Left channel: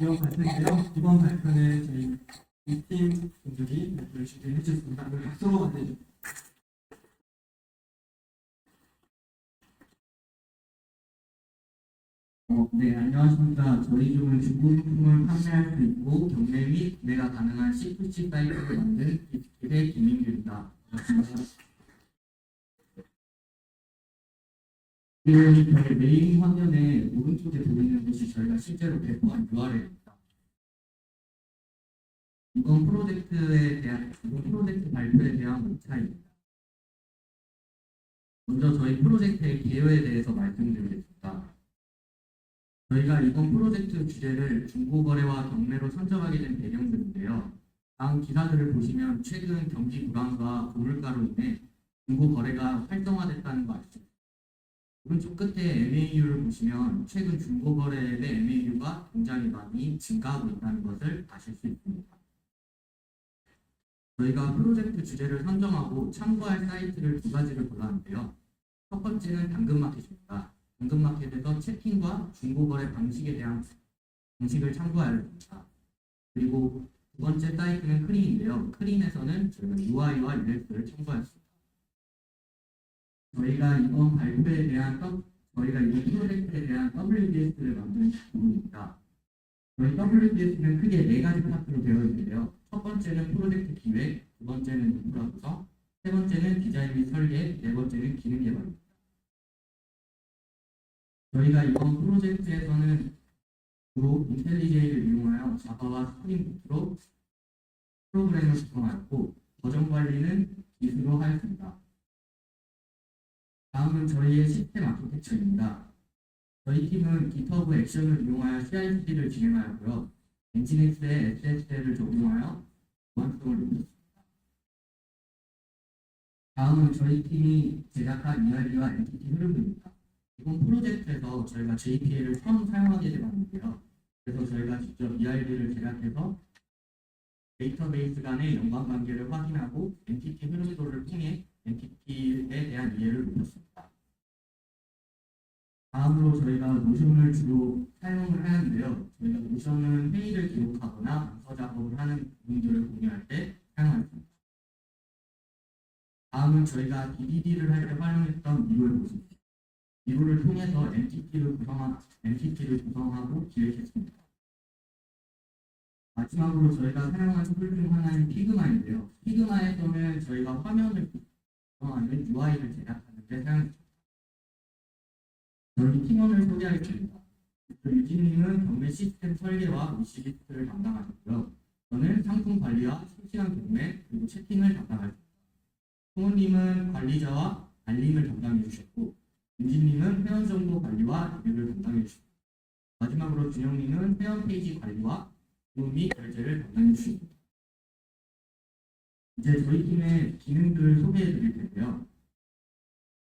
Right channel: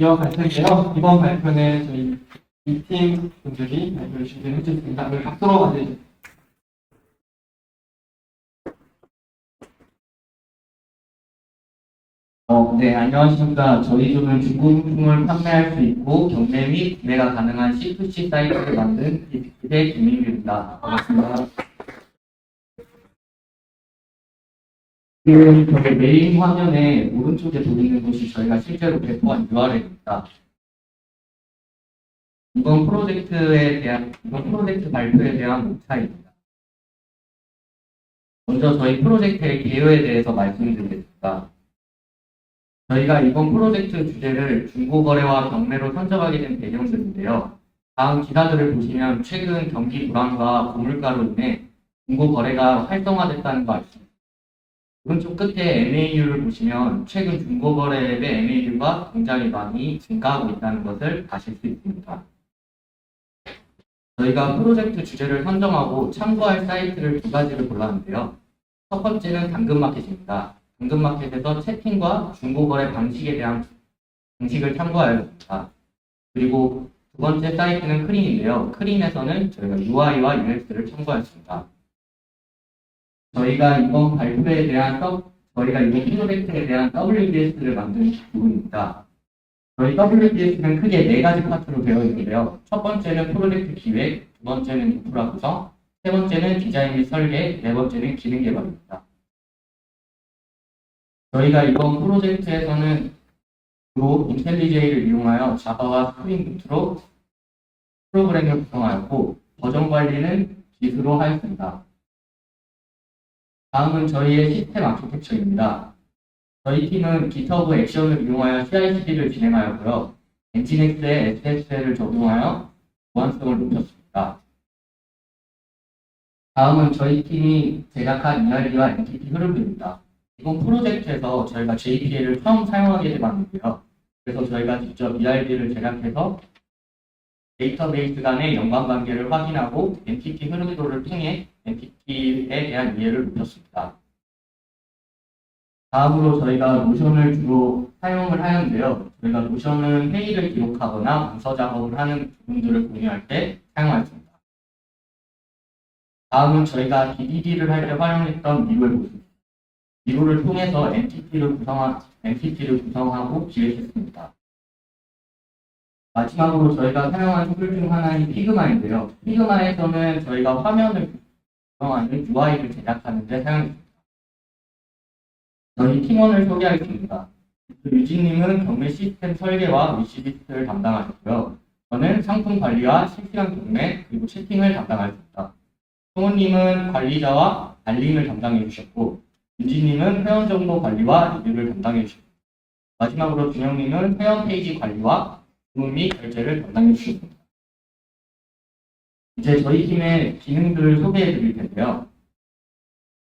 이어갈 텐데요. 이번 발표는 저희 이 팀 분들이 발표를 준비해 주셨습니다. 오늘 박수로 맞이해주세요. 네, 안녕하십니까. 저희 조는 중고품을 판매할 수 있고 경매 및 구매가 가능한 C2C 사이트를 만든 빅그의 김민규입니다. 반갑습니다. 지금 저희 메인 화면에 오른쪽에 보이는 곳이 저희가 실제로 배포한 URL입니다. 이번 프로젝트 발표에 대한 목차입니다. 먼저 저희 프로젝트의 개요에 대해서 말씀드리겠습니다. 저희가 이번 프로젝트 주제를 중고거래와 경매로 선정하게 된 배경들인데요. 다음 기사들을 보시면 최근 경기 불황과 고물가로 인해 중고거래가 활성화됐다는 거 아시죠? 오른쪽 끝에 MAU를 보시면 최근 중고거래의 MAU가 굉장히 많이 증가하고 있다는 것을 아실 수 있습니다. 저희가 프로젝트 주제를 선정하고 참고할 사이트를 두 가지를 골랐는데요. 첫 번째는 당근마켓입니다. 당근마켓에서 채팅과 중고거래 방식에 대한 방식을 참고하여야 합니다. 그리고 두 번째 사이트는 크림인데요. 크림에서는 저희가 UI와 UX를 참고했습니다. 저희가 이번 프로젝트에 대한 WBS를 만든 부분입니다. 저희 WBS는 크게 네 가지 파트로 되어 있는데요. 첫 번째는 프로젝트 기획, 두 번째는 인프라 구성, 세 번째는 디자인 및 설계, 네 번째는 기능 개발입니다. 저희가 이번 프로젝트에서는 주로 인텔리제이를 이용하여 자바와 스프링 부트로 프로그램을 구성하였고 버전 관리는 기수로 하였습니다. 다음은 저희의 시스템 아키텍처입니다. 저희 팀은 GitHub 액션을 이용하여 CI/CD를 진행하였고요. 엔진엑스에 SSL을 적용하여 보안성을 높였습니다. 다음은 저희 팀이 제작한 ERD와 엔티티 흐름입니다. 이번 프로젝트에서 저희가 JPA를 처음 사용하게 되었는데요. 그래서 저희가 직접 ERD를 제작해서 데이터베이스 간의 연관관계를 확인하고 엔티티 흐름도를 통해 엔티티에 대한 이해를 높였습니다. 다음으로 저희가 노션을 주로 사용을 하는데요. 저희가 노션은 회의를 기록하거나 문서 작업을 하는 부분들을 공유할 때 사용하였습니다. 다음은 저희가 DDD를 할 때 활용했던 미로의 모습입니다. 미로를 통해서 엔티티를 구성하고 기획했습니다. 마지막으로 저희가 사용한 툴 중 하나인 피그마인데요. 피그마에서는 저희가 화면을 구성하는 UI를 제작하는 데 사용했습니다. 저희 팀원을 소개하겠습니다. 유진님은 경매 시스템 설계와 위시리스트를 담당하셨고요. 저는 상품 관리와 실시간 경매 그리고 채팅을 담당하였습니다. 성우님은 관리자와 알림을 담당해 주셨고 윤지님은 회원 정보 관리와 리뷰를 담당해 주셨습니다. 마지막으로 준영님은 회원 페이지 관리와 주문 및 결제를 담당해 주셨습니다. 이제 저희 팀의 기능들을 소개해 드릴 텐데요.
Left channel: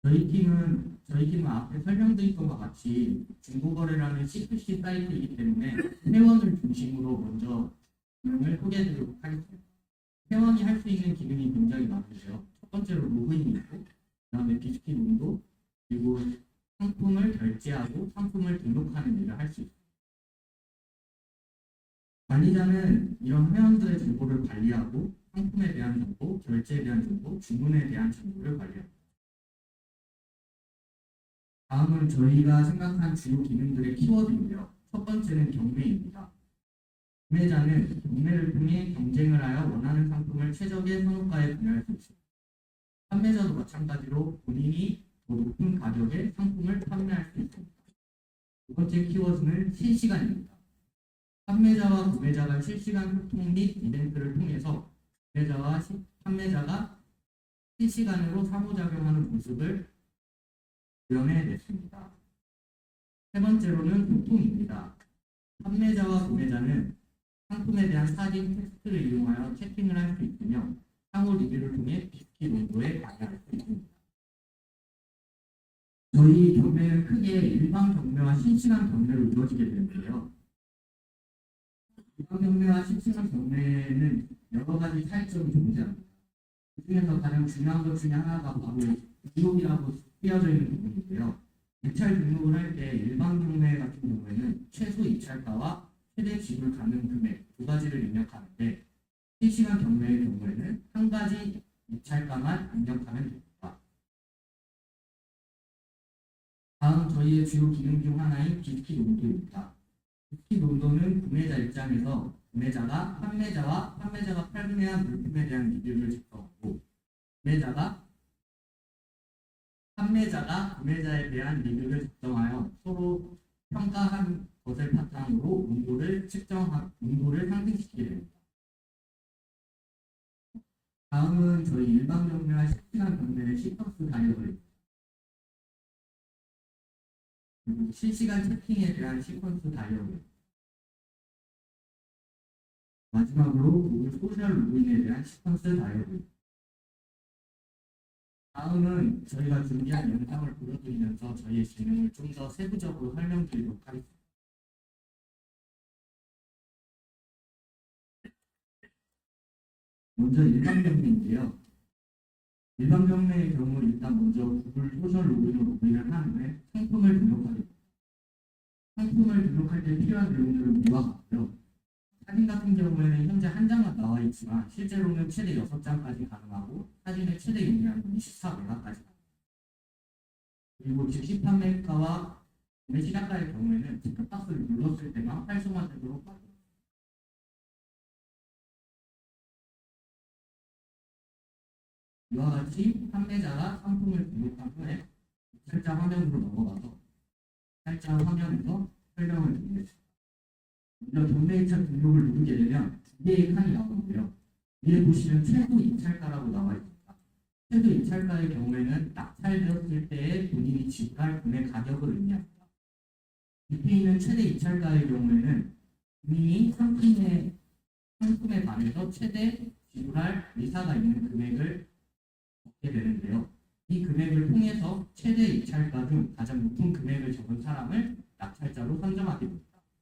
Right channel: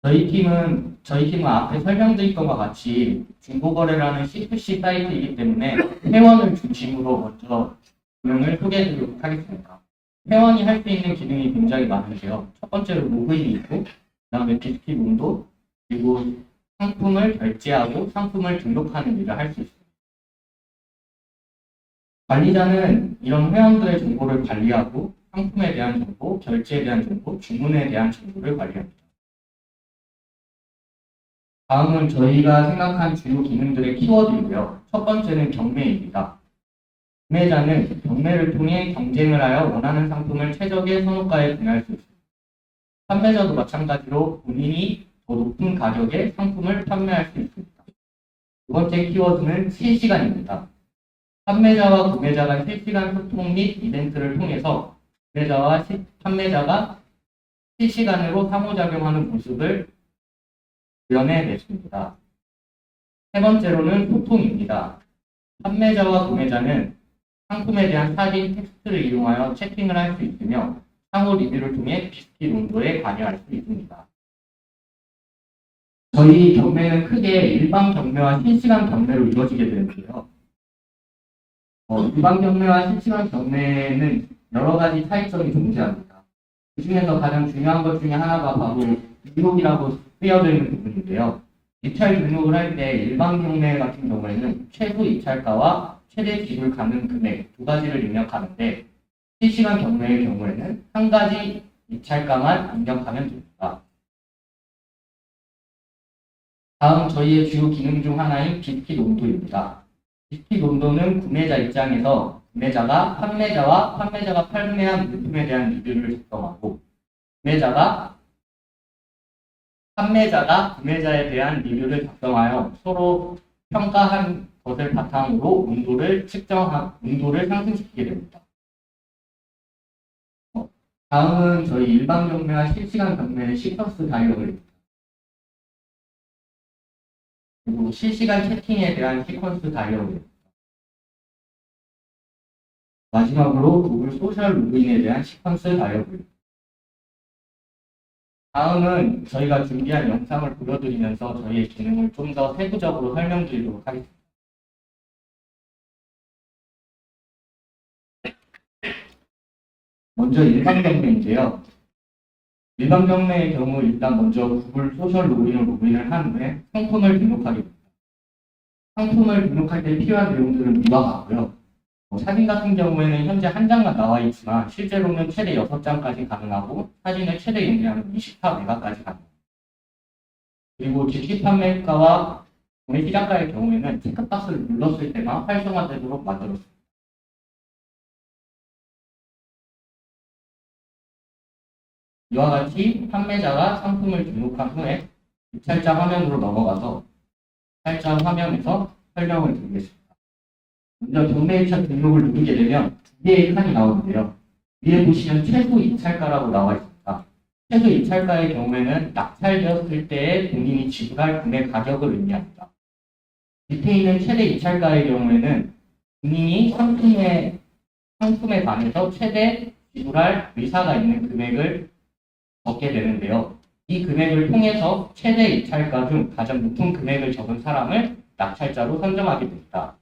저희 팀은 앞에 설명드린 것과 같이 중고거래라는 C2C 사이트이기 때문에 회원을 중심으로 먼저 기능을 소개해 드리도록 하겠습니다. 회원이 할 수 있는 기능이 굉장히 많은데요. 첫 번째로 로그인이 있고, 그 다음에 디스키 윈도, 그리고 상품을 결제하고 상품을 등록하는 일을 할 수 있습니다. 관리자는 이런 회원들의 정보를 관리하고 상품에 대한 정보, 결제에 대한 정보, 주문에 대한 정보를 관리합니다. 다음은 저희가 생각한 주요 기능들의 키워드인데요. 첫 번째는 경매입니다. 구매자는 경매를 통해 경쟁을 하여 원하는 상품을 최적의 선호가에 구매할 수 있습니다. 판매자도 마찬가지로 본인이 더 높은 가격에 상품을 판매할 수 있습니다. 두 번째 키워드는 실시간입니다. 판매자와 구매자 간 실시간 소통 및 이벤트를 통해서 구매자와 판매자가 실시간으로 상호작용하는 모습을 구현해냈습니다. 세 번째로는 소통입니다. 판매자와 구매자는 상품에 대한 사진, 텍스트를 이용하여 채팅을 할 수 있으며 상호 리뷰를 통해 비스킷 온도에 관여할 수 있습니다. 저희 경매는 크게 일반 경매와 실시간 경매로 이루어지게 되는데요. 일반 경매와 실시간 경매는 여러 가지 차이점이 존재합니다. 그 중에서 가장 중요한 것 중에 하나가 바로 등록이라고 쓰여져 있는 부분인데요. 입찰 등록을 할 때 일반 경매 같은 경우에는 최소 입찰가와 최대 지불 가능 금액 두 가지를 입력하는데 실시간 경매의 경우에는 한 가지 입찰가만 입력하면 됩니다. 다음 저희의 주요 기능 중 하나인 비스킷 온도입니다. 비스킷 온도는 구매자 입장에서 구매자가 판매자가 판매한 물품에 대한 리뷰를 작성하고 판매자가 구매자에 대한 리뷰를 작성하여 서로 평가한 것을 바탕으로 온도를 상승시키게 됩니다. 다음은 저희 일반 경매와 실시간 경매의 시퀀스 다이어그램입니다. 그리고 실시간 채팅에 대한 시퀀스 다이어그램. 마지막으로 구글 소셜 로그인에 대한 시퀀스 다이어그램. 다음은 저희가 준비한 영상을 보여드리면서 저희의 기능을 좀 더 세부적으로 설명드리도록 하겠습니다. 먼저 일반 경매인데요. 일반 경매의 경우 일단 먼저 구글 소셜 로그인을 한 후에 상품을 등록하게 됩니다. 상품을 등록할 때 필요한 내용들은 위와 같고요. 사진 같은 경우에는 현재 한 장만 나와 있지만 실제로는 최대 6장까지 가능하고 사진의 최대 용량은 24메가까지 가능합니다. 그리고 즉시 판매가와 구매 시작가의 경우에는 체크박스를 눌렀을 때만 활성화되도록 만들었습니다. 이와 같이 판매자가 상품을 등록한 후에 입찰자 화면으로 넘어가서 입찰자 화면에서 설명을 드리겠습니다. 먼저 경매 입찰 등록을 누르게 되면 두 개의 칸이 나오는데요. 위에 보시면 최소 입찰가라고 나와 있습니다. 최소 입찰가의 경우에는 낙찰되었을 때에 본인이 지불할 구매 가격을 의미합니다. 밑에 있는 최대 입찰가의 경우에는 본인이 상품에 반해서 최대 지불할 의사가 있는 금액을 적게 되는데요. 이 금액을 통해서 최대 입찰가 중 가장 높은 금액을 적은 사람을 낙찰자로 선정하게 됩니다.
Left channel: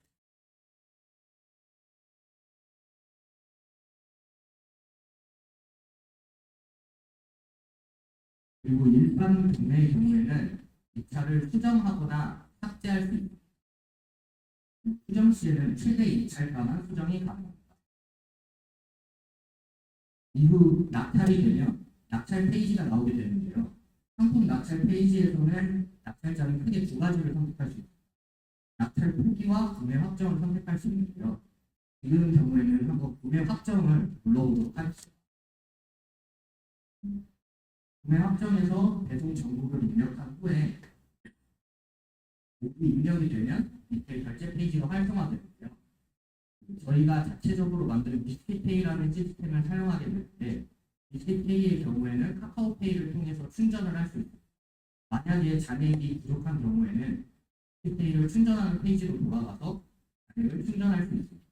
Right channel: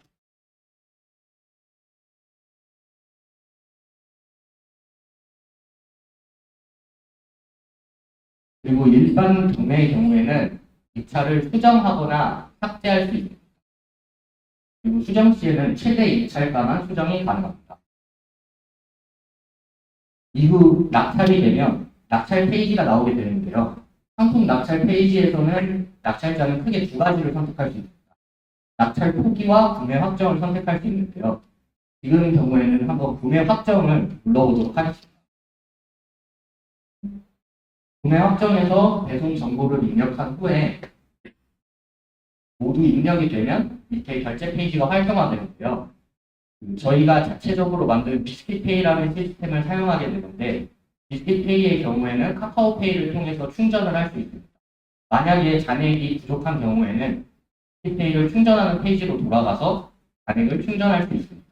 그리고 일반 경매의 경우에는 입찰을 수정하거나 삭제할 수 있습니다. 그리고 수정 시에는 최대 입찰가만 수정이 가능합니다. 이후 낙찰이 되면 낙찰 페이지가 나오게 되는데요. 상품 낙찰 페이지에서는 낙찰자는 크게 두 가지를 선택할 수 있습니다. 낙찰 포기와 구매 확정을 선택할 수 있는데요. 지금 경우에는 한번 구매 확정을 눌러보도록 하겠습니다. 구매 확정에서 배송 정보를 입력한 후에 모두 입력이 되면 밑에 결제 페이지가 활성화되는데요. 저희가 자체적으로 만든 비스킷페이라는 시스템을 사용하게 되는데 비스킷페이의 경우에는 카카오페이를 통해서 충전을 할 수 있습니다. 만약에 잔액이 부족한 경우에는 비스킷페이를 충전하는 페이지로 돌아가서 잔액을 충전할 수 있습니다.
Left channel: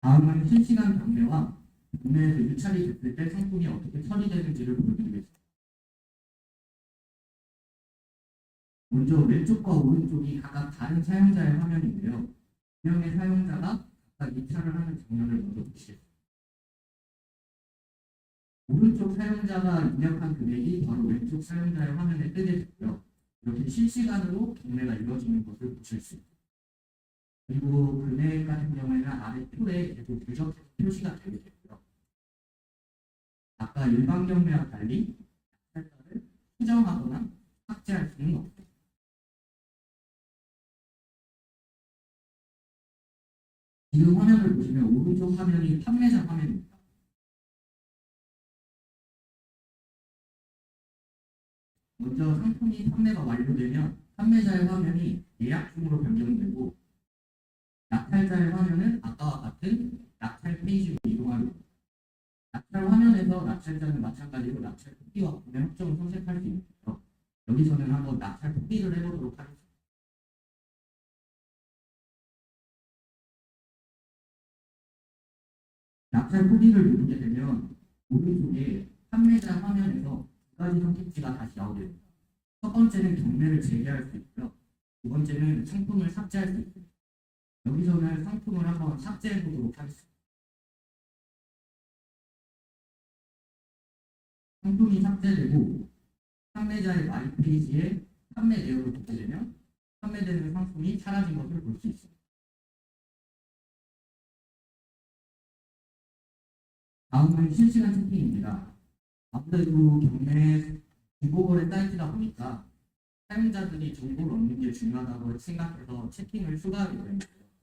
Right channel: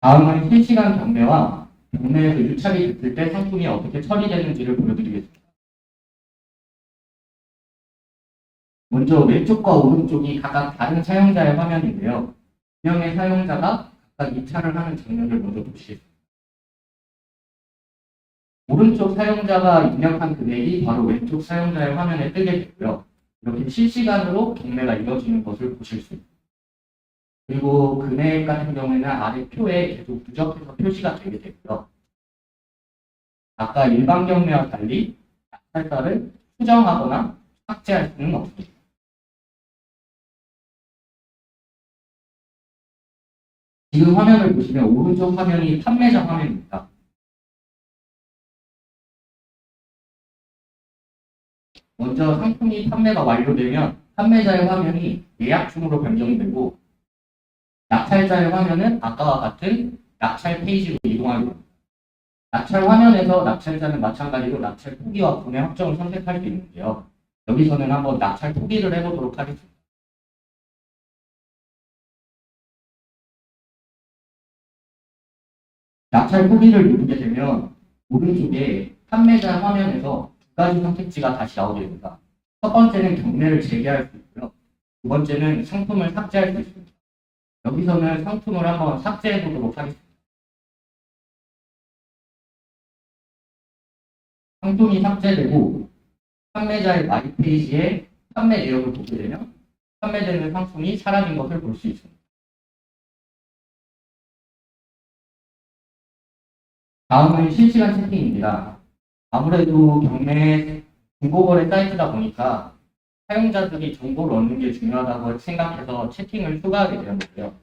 다음은 실시간 경매와 경매에서 유찰이 됐을 때 상품이 어떻게 처리되는지를 보여드리겠습니다. 먼저 왼쪽과 오른쪽이 각각 다른 사용자의 화면인데요. 두 명의 사용자가 각각 입찰을 하는 장면을 먼저 보시겠습니다. 오른쪽 사용자가 입력한 금액이 바로 왼쪽 사용자의 화면에 뜨게 되고요. 이렇게 실시간으로 경매가 이루어지는 것을 보실 수 있습니다. 그리고 금액 같은 경우에는 아래 표에 계속 누적해서 표시가 되게 되고요. 아까 일반 경매와 달리 낙찰가를 수정하거나 삭제할 수는 없습니다. 지금 화면을 보시면 오른쪽 화면이 판매자 화면입니다. 먼저 상품이 판매가 완료되면 판매자의 화면이 예약 중으로 변경되고 낙찰자의 화면은 아까와 같은 낙찰 페이지로 이동하게 됩니다. 낙찰 화면에서 낙찰자는 마찬가지로 낙찰 포기와 구매 확정을 선택할 수 있는데요. 여기서는 한번 낙찰 포기를 해보도록 하겠습니다. 낙찰 포기를 누르게 되면 오른쪽에 판매자 화면에서 두 가지 선택지가 다시 나오게 됩니다. 첫 번째는 경매를 재개할 수 있고요. 두 번째는 상품을 삭제할 수 있습니다. 여기서는 상품을 한번 삭제해 보도록 하겠습니다. 상품이 삭제되고 판매자의 마이 페이지에 판매 내역을 보게 되면 판매되는 상품이 사라진 것을 볼 수 있습니다. 다음은 실시간 채팅입니다. 아무래도 경매 중고거래 사이트다 보니까 사용자들이 정보를 얻는 게 중요하다고 생각해서 채팅을 추가하게 되었는데요.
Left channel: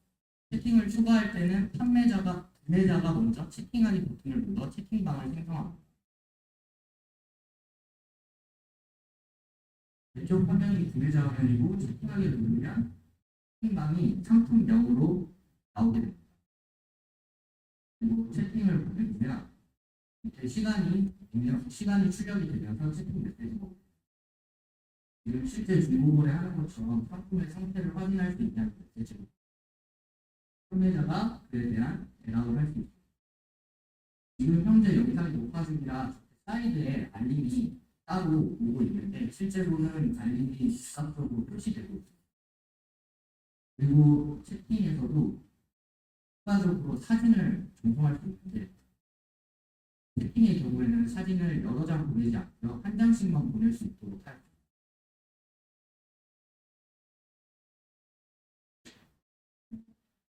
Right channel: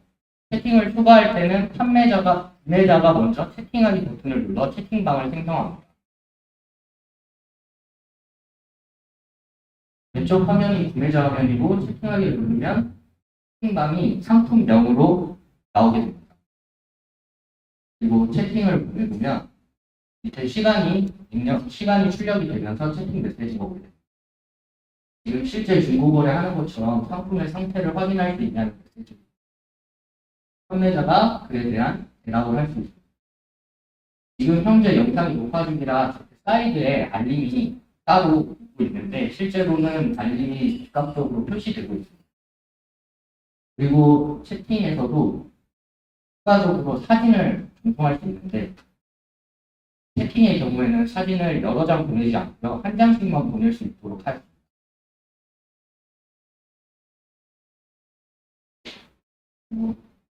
채팅을 추가할 때는 구매자가 먼저 채팅하기 버튼을 눌러 채팅방을 생성합니다. 왼쪽 화면이 구매자 화면이고 채팅하기를 누르면 채팅방이 상품명으로 나오게 됩니다. 그리고 채팅을 보내보면 밑에 시간이 출력이 되면서 채팅 메시지가 오게 됩니다. 지금 실제 중고거래 하는 것처럼 상품의 상태를 확인할 수 있냐는 메시지. 판매자가 그에 대한 대답을 할 수 있습니다. 지금 현재 영상이 녹화 중이라 사이드에 알림이 따로 오고 있는데 실제로는 알림이 즉각적으로 표시되고 있습니다. 그리고 채팅에서도 추가적으로 사진을 전송할 수 있는데 채팅의 경우에는 사진을 여러 장 보내지 않고요. 한 장씩만 보낼 수 있도록 하였습니다.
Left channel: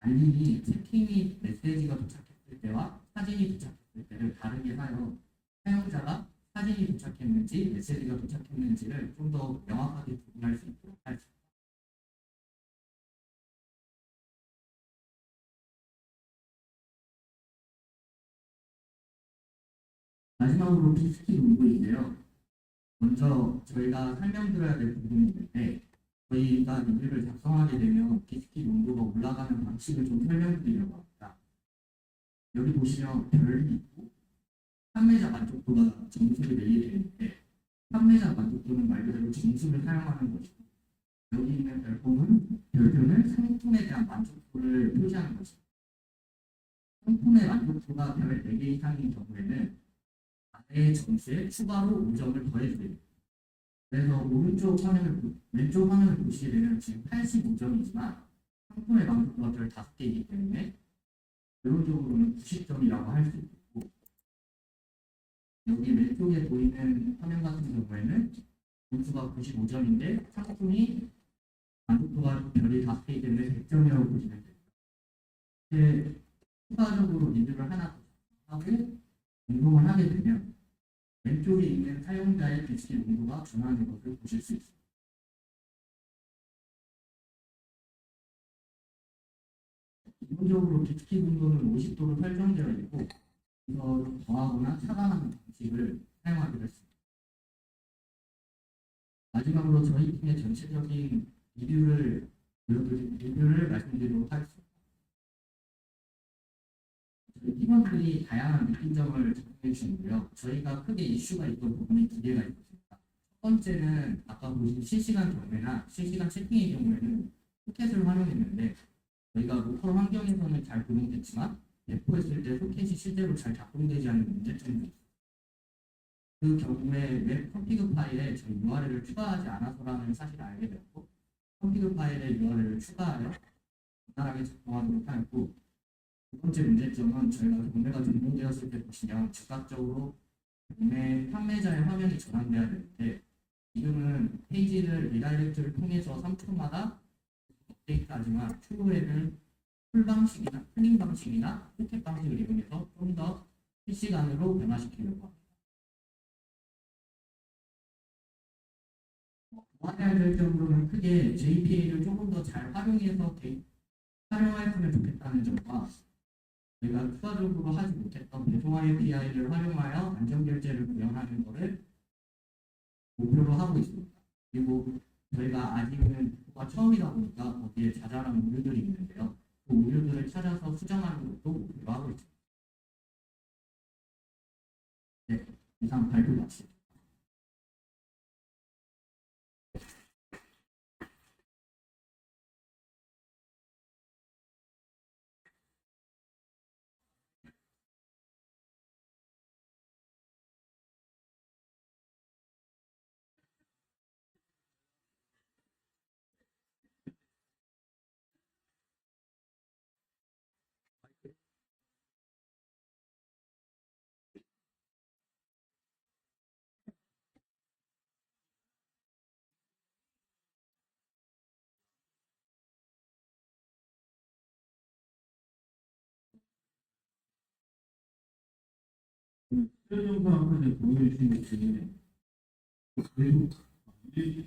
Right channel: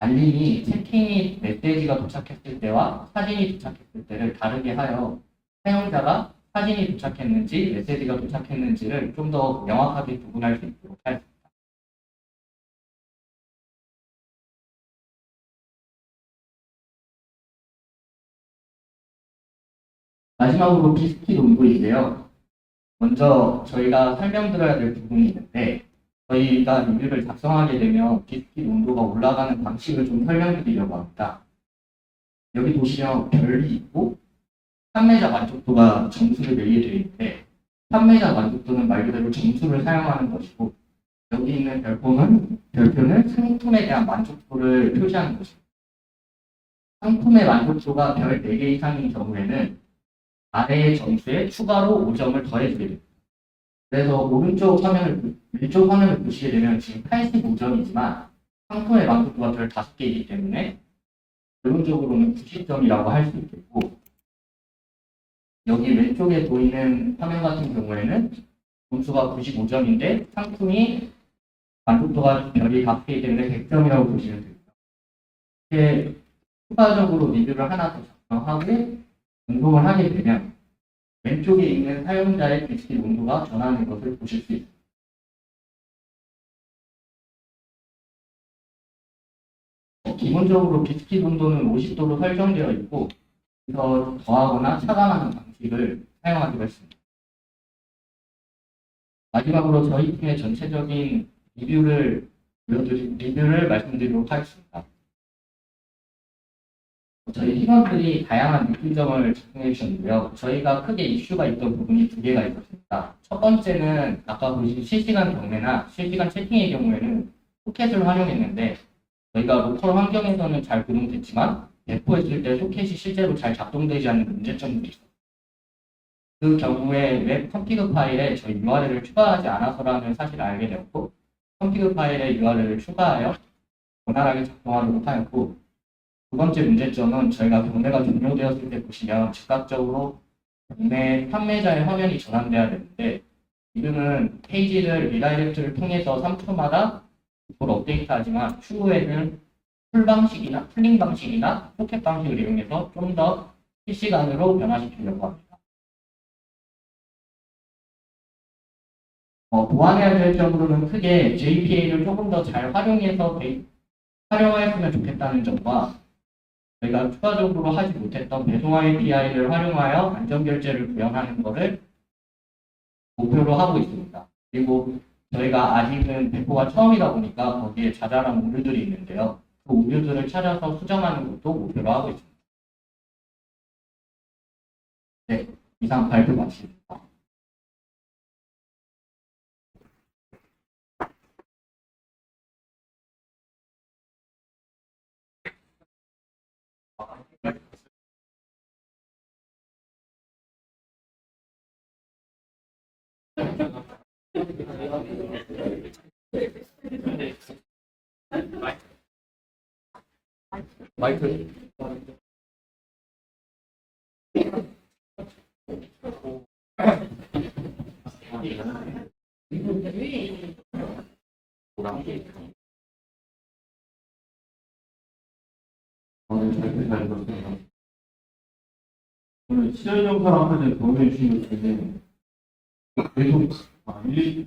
알림이 채팅이 메시지가 도착했을 때와 사진이 도착했을 때를 다르게 하여 사용자가 사진이 도착했는지 메시지가 도착했는지를 좀 더 명확하게 구분할 수 있도록 하였습니다. 마지막으로 비스킷 온도인데요. 먼저 저희가 설명드려야 될 부분이 있는데 저희가 리뷰를 작성하게 되면 비스킷 온도가 올라가는 방식을 좀 설명드리려고 합니다. 여기 보시면 별이 있고 판매자 만족도가 점수를 매기게 되어 있는데 판매자 만족도는 말 그대로 점수를 사용하는 것이고 여기 있는 별표는 상품에 대한 만족도를 표시하는 것입니다. 상품의 만족도가 별 4개 이상인 경우에는 아래의 점수에 추가로 5점을 더해주게 됩니다. 그래서 왼쪽 화면을 보시게 되면 지금 85점이지만 상품의 만족도가 별 5개이기 때문에 결론적으로는 90점이라고 할 수 있겠고 여기 왼쪽에 보이는 화면 같은 경우에는 점수가 95점인데 상품이 만족도가 별이 5개이기 때문에 100점이라고 보시면 됩니다. 이렇게 추가적으로 리뷰를 하나 더 작성하고 운동을 하게 되면 왼쪽에 있는 사용자의 비스킷 온도가 변하는 것을 보실 수 있습니다. 기본적으로 비스킷 온도는 50도로 설정되어 있고 그래서 더하거나 차감하는 방식을 사용하기로 했습니다. 마지막으로 저희 팀의 전체적인 리뷰를 말씀드리도록 하겠습니다. 저희 팀원들이 다양한 느낀점을 작성해 주셨는데요. 저희가 크게 이슈가 있던 부분이 2개가 있었습니다. 첫 번째는 아까 보신 실시간 경매나 실시간 채팅의 경우에는 소켓을 활용했는데 저희가 로컬 환경에서는 잘 구동됐지만 배포했을 때 소켓이 실제로 잘 작동되지 않는 문제점들이 있어요. 그 경우에 웹 컨피그 파일에 저희 URL을 추가하지 않아서라는 사실을 알게 되었고 컨피그 파일에 URL을 추가하여 원활하게 작동하도록 하였고 두 번째 문제점은 저희가 경매가 종료되었을 때 보시면 즉각적으로 경매 판매자의 화면이 전환돼야 되는데 지금은 페이지를 리다이렉트를 통해서 3초마다 그걸 업데이트하지만 추후에는 풀링 방식이나 포켓 방식을 이용해서 좀 더 실시간으로 변화시키려고 합니다. 보완해야 될 점으로는 크게 JPA를 조금 더 잘 활용하였으면 좋겠다는 점과 저희가 추가적으로 하지 못했던 배송 API를 활용하여 안전결제를 구현하는 것을 목표로 하고 있습니다. 그리고 저희가 아직은 배포가 처음이다 보니까 거기에 자잘한 오류들이 있는데요. 그 오류들을 찾아서 수정하는 것도 목표로 하고 있습니다. 네, 이상 발표 마칩니다. 마이크 잘 들었어요. 오늘 시절 영상 아까 전에 보여주신 것 중에 계속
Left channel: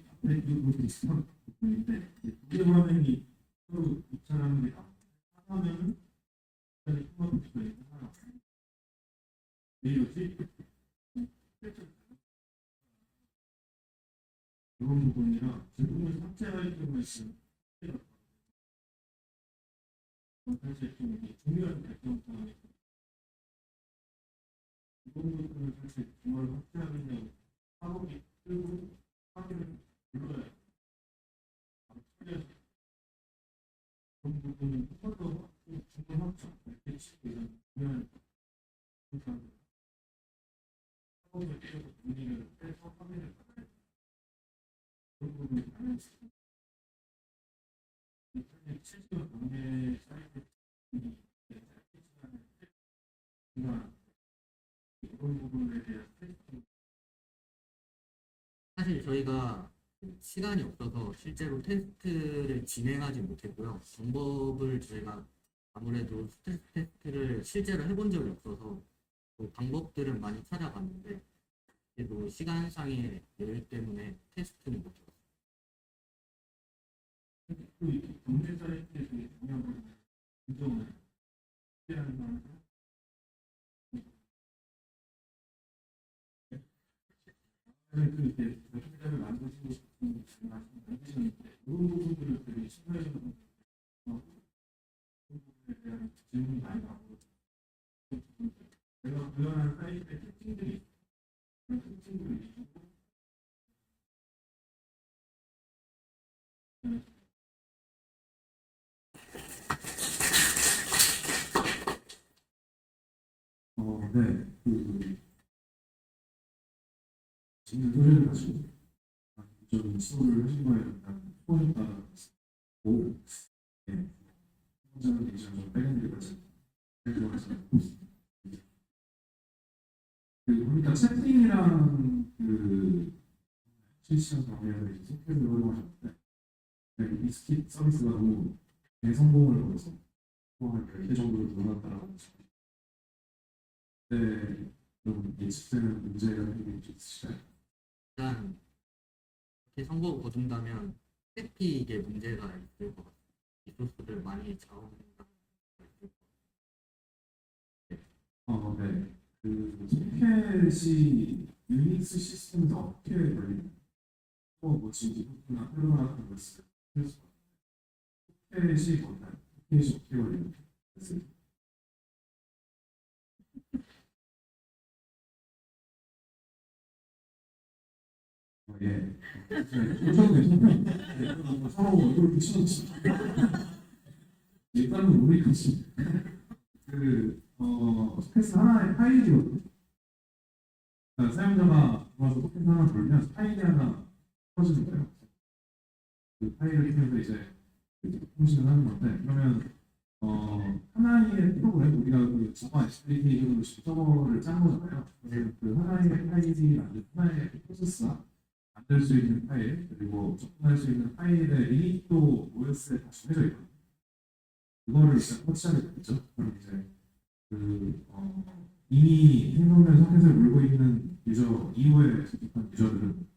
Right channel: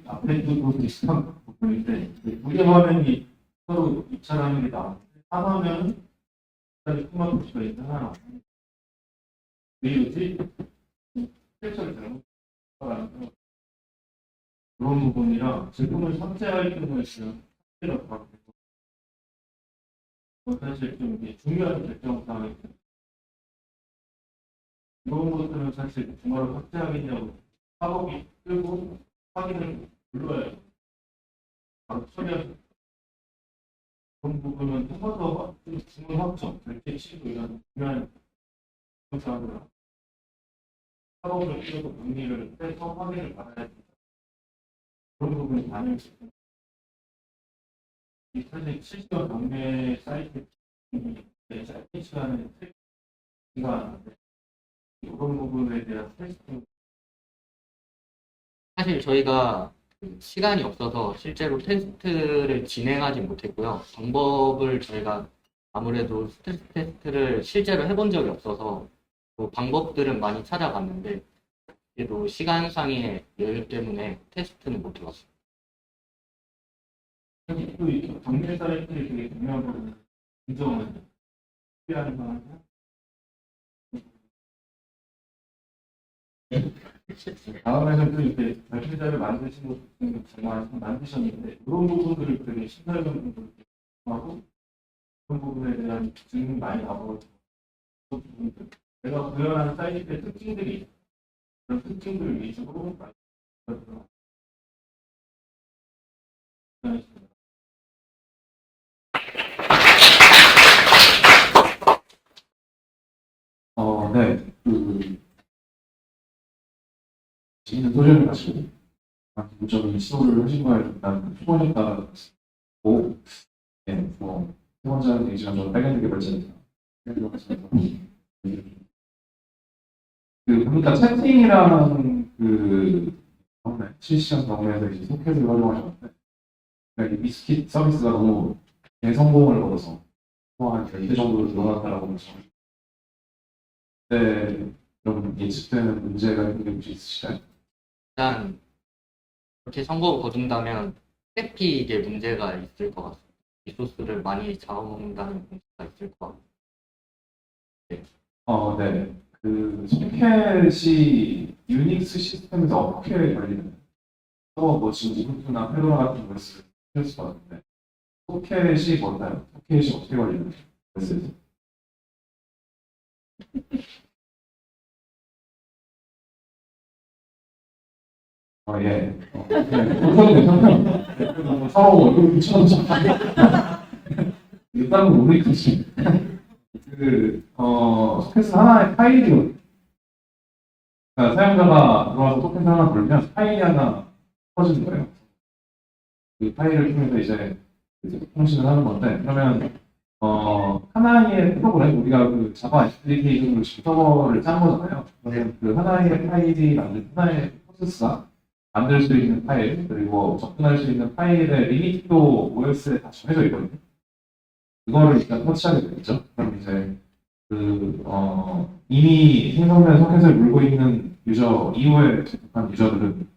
앞에도 비슷한 부분인데 무대 화면이 서로 입찰하는 게 나오는데 하나면 다시 스마트 표시가 있는 하나 왜 이러지? 필터를 잘못 써가지고 그런 부분이랑 제품을 삭제할 경우에 지금 삭제가 바뀌고 사실 좀 이게 중요한 결정 사항이 이런 것들은 사실 정말로 삭제하겠냐고 작업이 뜨고 확인을 눌러야 바로 처리할 수 있어요. 그런 부분은 한 번 더 주문 확정, 결제 취소 이런 중요한 사항들 작업을 뛰어서 문의를 해서 확인을 받아야 됩니다. 그런 부분이 반영이 있습니다. 이 사실 실시간 경매 사이트 짧은 시간에 테스트가 하는데 이런 부분에 대한 테스팅 사실 저희가 그 시간이 없어서 실제로 테스트를 진행하지 못했고요. 방법을 저희가 아무래도 스트레스 테스트를 실제로 해본 적이 없어서 그 방법들은 많이 찾아봤는데 그래도 시간상의 여유 때문에 테스트는 못 해봤어요. 또 이 경매 사이트를 되게 중요한 부분 인정을 필요한 상황이야. 다음에는 또 이렇게 발표자를 만드신 것도 정말 만드셨는데 그런 부분들을 되게 심사위원 분들 하고 그런 부분에 대한 질문 많이 나오거든요. 그런 부분들 내가 구현하는 사이트의 특징들이 있어요. 그런 특징들을 위주로 많이 만들어서 네. 재밌는 소재를 가지고 기본적인 시도를 하신 거에 일단 초보셨다고 네, 세 번째는 얘기지만 저는 백엔드 개발자입니다. 보니까 채팅이랑 실시간 경험에서 이제 소켓을 활용하셨는데 그러니까 이 미스킷 서비스가 너무 대성공을 거둬서 한 10배 정도로 늘어났다라고 말씀하셨는데 네, 좀 예측되는 문제가 있는 게 혹시 있으실까요? 일단 그렇게 선거 거둔다면 트래픽에 문제가 있을 것 같습니다. 리소스를 많이 잡아먹는다는 문제가 있을 것 같고 네. 소켓이 유닉스 시스템에서 어떻게 걸리나요? 지금 우분투나 페도라 같은 걸 쓸 수 있는데 소켓이 뭔가요? 소켓이 어떻게 걸리나요? 예. 그건 괜찮아요. 서로 얼굴 붙여놓죠. 일단은 모르겠지. 소켓은 하나의 파일이거든요. 그러니까 사용자가 들어와서 소켓 하나 돌면 파일이 하나 터지는 거예요. 그 파일을 통해서 이제 통신을 하는 건데, 그러면 하나의 프로그램, 우리가 그 자바 SDK로 서버를 짠 거잖아요. 그러면 그 하나의 파일이 만든 하나의 프로세스가 만들 수 있는 파일, 그리고 접근할 수 있는 파일의 리미트도 OS에 다 정해져 있거든요. 그거를 일단 터치하게 되겠죠. 그럼 이제 이미 생성된 소켓을 물고 있는 유저 이후에 접속한 유저들은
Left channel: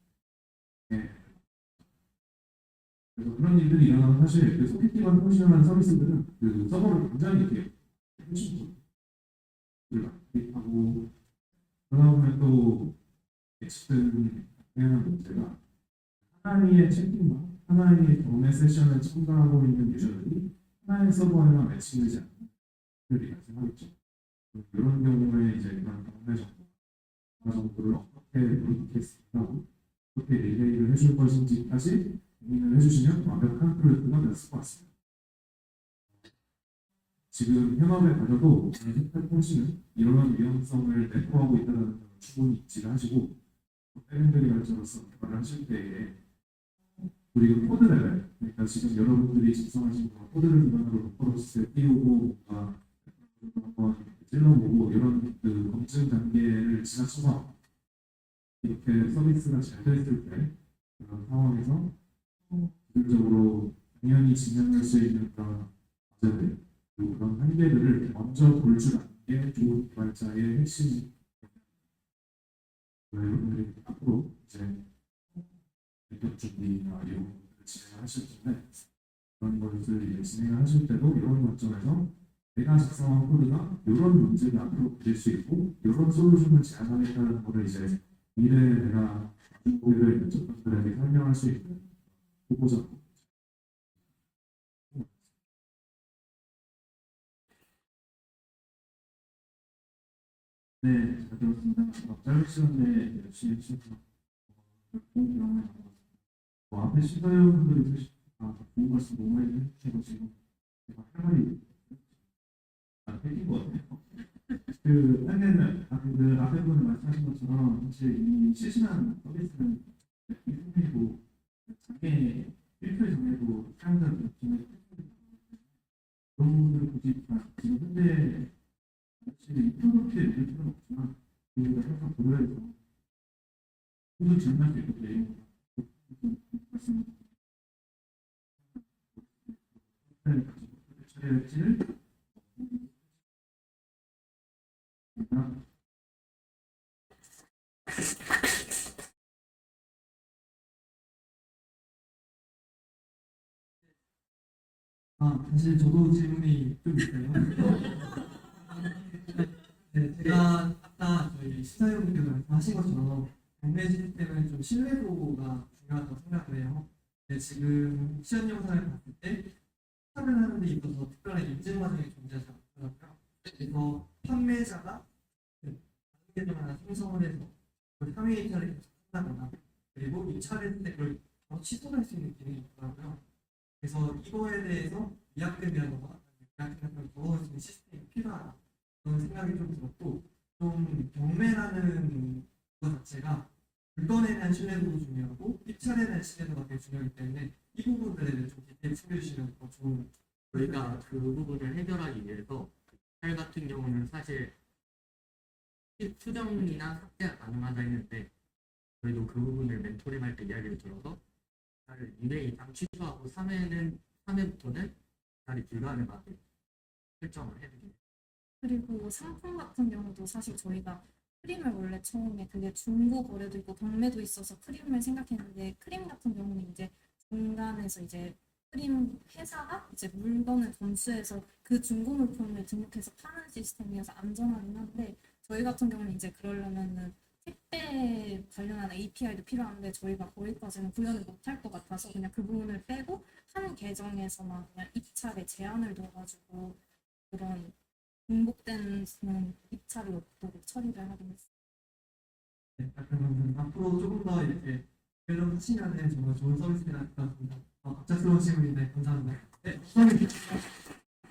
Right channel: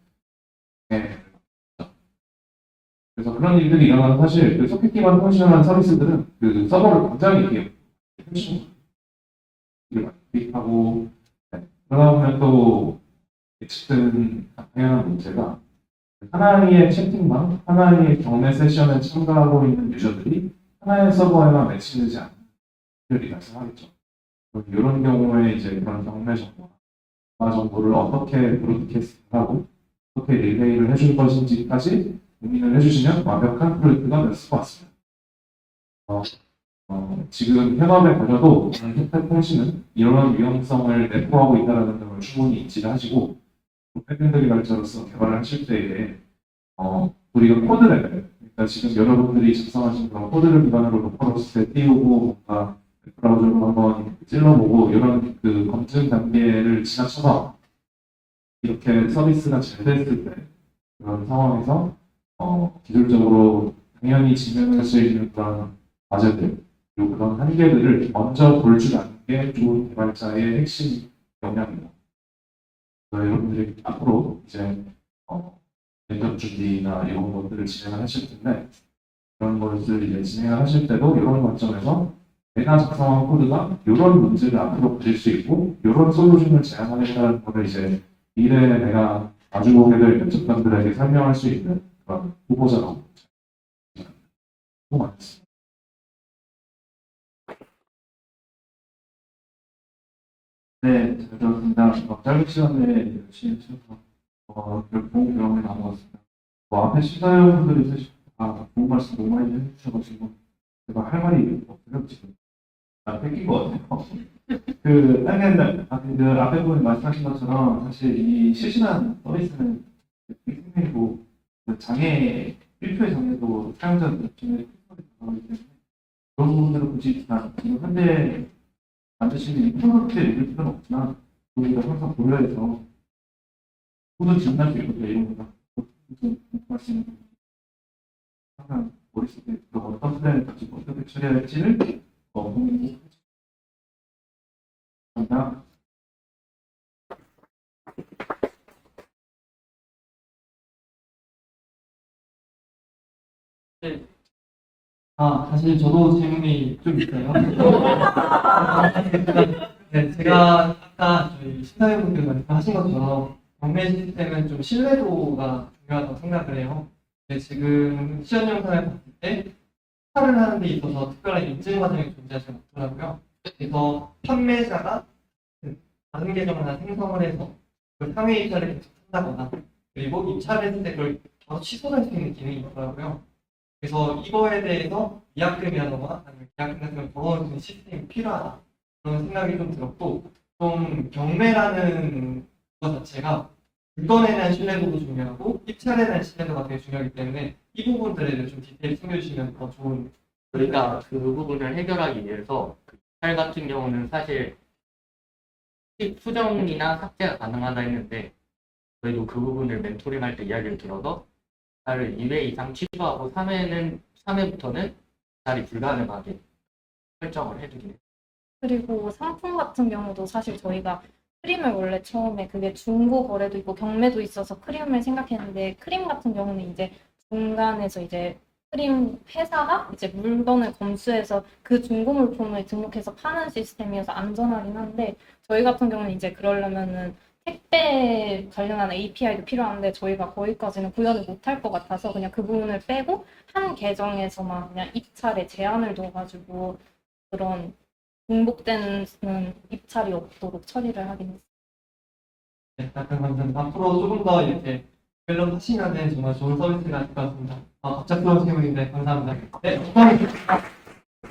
그래서 그런 일들이 일어나는 사실 그 소켓 기반 통신을 하는 서비스들은 그 서버를 굉장히 이렇게 클릭하고 그러다 보면 또 예측된 당연한 문제가 하나의 채팅방, 하나의 경매 세션에 참가하고 있는 유저들이 하나의 서버에만 매치되지 않는 일이 발생하겠죠. 이런 경우에 이제 그런 경매 정보를 어떻게 브로드캐스팅하고 어떻게 릴레이를 해줄 것인지까지 고민을 해주시면 완벽한 프로젝트가 될 것 같습니다. 지금 현업에 가셔도 혜택 통신은 이런 위험성을 내포하고 있다는 점을 충분히 인지를 하시고 백엔드 개발자로서 개발을 하실 때에 우리가 코드 레벨, 그러니까 지금 여러분들이 작성하신 그런 코드를 기반으로 로컬호스트에 띄우고 뭔가 브라우저로 한번 찔러보고 이런 그 검증 단계를 지나쳐서 이렇게 서비스가 잘 됐을 때 그런 상황에서 기술적으로 당연히 직면할 수 있는 그런 과제들 그리고 그런 한계들을 먼저 볼 줄 아는 게 좋은 개발자의 핵심 역량입니다. 여러분들이 앞으로 이제 면접 준비나 이런 것들을 진행을 하실 텐데 그런 것을 이제 진행을 하실 때도 이런 관점에서 내가 작성한 코드가 이런 문제를 앞으로 가질 수 있고 이런 솔루션을 제안하겠다는 거를 이제 미래에 내가 마주보게 될 면접관들에게 설명할 수 있는 그런 후보자라고 많습니다. 네, 잘 들었습니다. 짧은 시간에 열심히 해주셔서 좋은 경험을 나누었습니다. 앞에 시사위원분들이 사실 좋은 말씀 너무 많이 해주셔가지고 제가 할 말이 없어요 지금. 뺏긴 것 같아요. 그 앞에 분이 말씀하신 것처럼 사실 이 실시간 서비스는 생명이고 장애 1초의 장애도 사용자 느낌을 그런 부분들을 굳이 지금 현재 만드시는 프로덕트에 읽을 필요는 없지만 우리가 항상 고려해서 모두 진단할 수 있거든요. 이런 거다. 말씀 항상 머릿속에 어떤 플랜을 가지고 어떻게 처리할지를 감사합니다. 사실 저도 질문이 좀 있어요. 네, 제가 아까 저희 시사회분들 말씀하신 것처럼 경매 시스템은 좀 신뢰도가 중요하다고 생각을 해요. 근데 지금 시연 영상을 봤을 때 판매를 하는 데 있어서 특별한 인증 과정이 존재하지 않더라고요. 그래서 판매자가 다른 계정 하나 생성을 해서 그 상회 입찰을 계속 한다거나 그리고 입찰을 했을 때 그걸 바로 취소할 수 있는 기능이 있더라고요. 그래서 이거에 대해서 위약금이라던가 아니면 계약금 같은 걸 걸어놓을 수 있는 시스템이 필요하다 그런 생각이 좀 들었고 좀 경매라는 것 자체가 물건에 대한 신뢰도도 중요하고 입찰에 대한 신뢰도가 되게 중요하기 때문에 이 부분들에 대해 좀 디테일 챙겨주시면 더 좋은. 저희가 그 부분을 해결하기 위해서 그 입찰 같은 경우는 사실 수정이나 삭제가 가능하다 했는데 저희도 그 부분을 멘토링할 때 이야기를 들어서 입찰을 2회 이상 취소하고 3회부터는 입찰이 불가능하게 설정을 해두긴 해요. 그리고 상품 같은 경우도 사실 저희가 크림을 원래 처음에 그게 중고 거래도 있고 경매도 있어서 크림을 생각했는데 크림 같은 경우는 이제 중간에서 이제 크림 회사가 이제 물건을 검수해서 그 중고 물품을 등록해서 파는 시스템이어서 안전하긴 한데 저희 같은 경우는 이제 그러려면은 택배 관련한 API도 필요한데 저희가 거기까지는 구현을 못할 것 같아서 그냥 그 부분을 빼고 한 계정에서만 그냥 입찰에 제한을 둬가지고 그런 중복되는 입찰이 없도록 처리를 하긴 했어요. 네, 약간 감사합니다. 앞으로 조금 더 이렇게 밸런 하시면 정말 좋은 서비스가 될 것 같습니다. 갑작스러운 질문인데 감사합니다. 네, 감사합니다.